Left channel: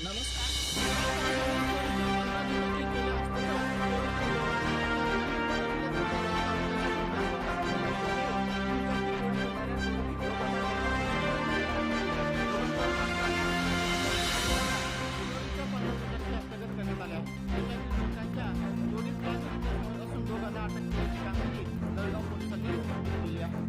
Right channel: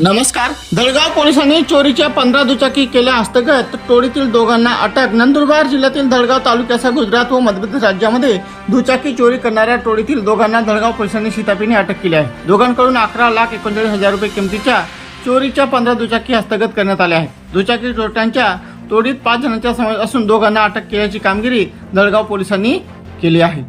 नमस्कार. दळगाव पोलिसांनी चोरीच्या पंधरा दुचाकी केल्या हस्तगत. टोळीतील दोघांना अटक. नंदुरबार जिल्ह्यातील दळगाव तालुक्यासह गुजरात व मध्यप्रदेश राज्यामध्ये दुचाकी चोरी करणाऱ्या टोळीतील दोघांना दळगाव पोलिसांनी शितापीने अटक केली आहे. दोघांकडून अकरा लाख एकोणचाळीस हजार रुपये किमतीच्या चोरीच्या पंधरा दुचाकी हस्तगत करण्यात आल्या आहेत. दुचाकी चोरट्यांच्या तोडीत पाच जणांचा समावेश असून दोघांना अटक केल्याची कामगिरी दळगाव पोलिसांनी केली आहे.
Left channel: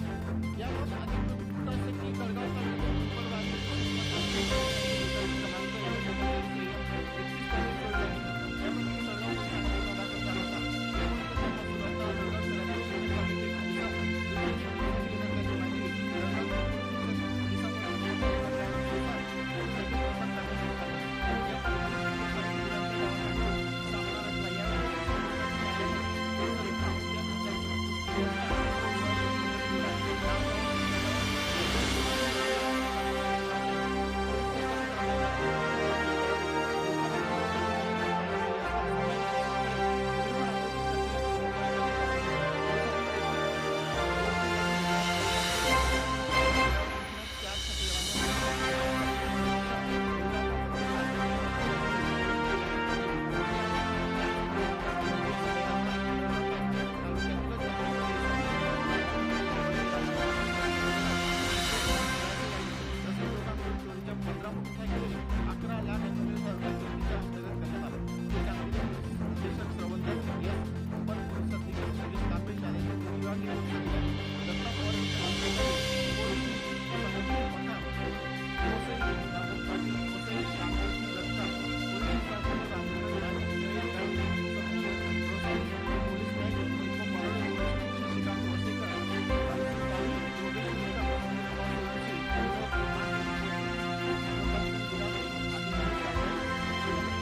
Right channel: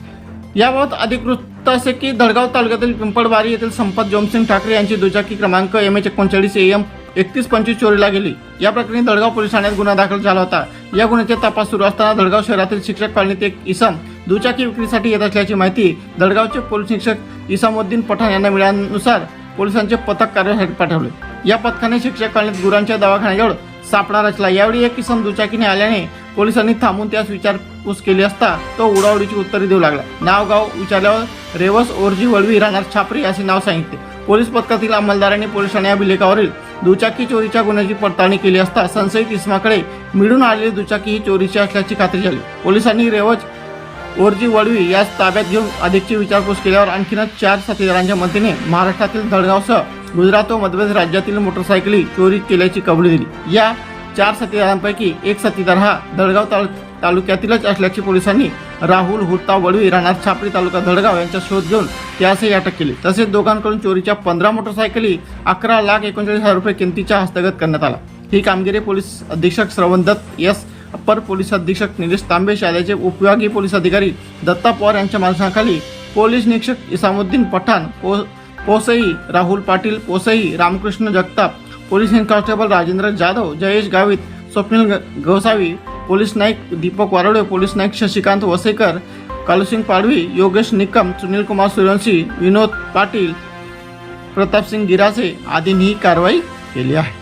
याबाबत अधिक वृत्त असे की दळगाव तालुक्यातील पिंपळबारी येथील संपत जोमसिंग ठाकरे यांची दुचाकी क्रमांक एम एच एकोणचाळीस एम एकतीस पंचवीस चोरीला गेली. या प्रकरणी दळगाव पोलीस ठाण्यात गुन्हा दाखल झाला होता. या गुन्ह्याचा तपास सुरू असताना दळगाव शहरातील शिक्षक कॉलनीत एक इसम दुचाकी विक्रीसाठी येत असल्याची माहिती दळगावचे पोलीस शिक्षक इसामुद्दीन पठाण यांना मिळाल्यानुसार पोलिसांचे पथक कार्यासाठी पाठवले. या पथकाने शिक्षक कॉलनीत गुरांच्या दवाखान्याजवळ सापळा रचला. यावेळी एक किसम दुचाकीने आल्याने पोलिसांनी थांबून त्यास विचारपूस केली असता तो उडावडीची उत्तरे देऊ लागला. नाव गाव विचारल्यावर रेवस ओरजी वळवी राहणार छापरी असे नाव सांगितले. पोलीस पथकातील अंमलदारांनी पोलिसांनी अभिलेखावरील दुचाकी चोरीच्या गुन्ह्याची पडताळणी केली असता संशयित इस्माकडे मिळून आलेली दुचाकी ही चोरीची असल्याची खात्री झाली. पोलिसांनी रेवज ओरजी वडवी यास ताब्यात घेऊन अधिकची विचारपूस केल्यावर आणखीनच चार साथीदारांच्या मदतीने महाराष्ट्रातील दळगावसह गुजरात व मध्यप्रदेश राज्यातील मोटरसायकली चोरी केल्याची कबुली दिली. या चार साथीदारांपैकी एक साथीदार हा दळगाव तालु तालुक्यातीलच असल्याचे पोलिसांनी राहुल हुट्टा वडवी राहणार छापरी तालुका दळगाव यांचा शोध घेऊन त्यासही अटक केली. तसेच दोघांकडून चोरीच्या पंधरा मोटरसायकली अकरा लाख एकोणचाळीस हजार रुपये किमतीच्या हस्तगत करण्यात आला. ही कामगिरी पोलीस अधीक्षक श्रवण दत्त एस. अप्पर पोलीस अधीक्षक निलेश तांबे शाळेचे उपविभागीय पोलीस अधिकारी दत्ता पवार यांच्या माणसाखाली पोलीस निरीक्षक इसामुद्दीन पठाण पो पोसई राहुल पाटील पोसई Ramkrishna Jagtap police head constable Rajendra Jadhav Jayesh Gavit Swapnil ग- पोलीस नाईक दीपक वारोडे पोलीस नाईक शशिकांत वसेकर कालूसिंग पाडवी योगेश निकम सुनील कुमार सूर्यवंशी विनोद पाटील प्रतापसिंग गिरासे आदींनी ही कारवाई केली आहे.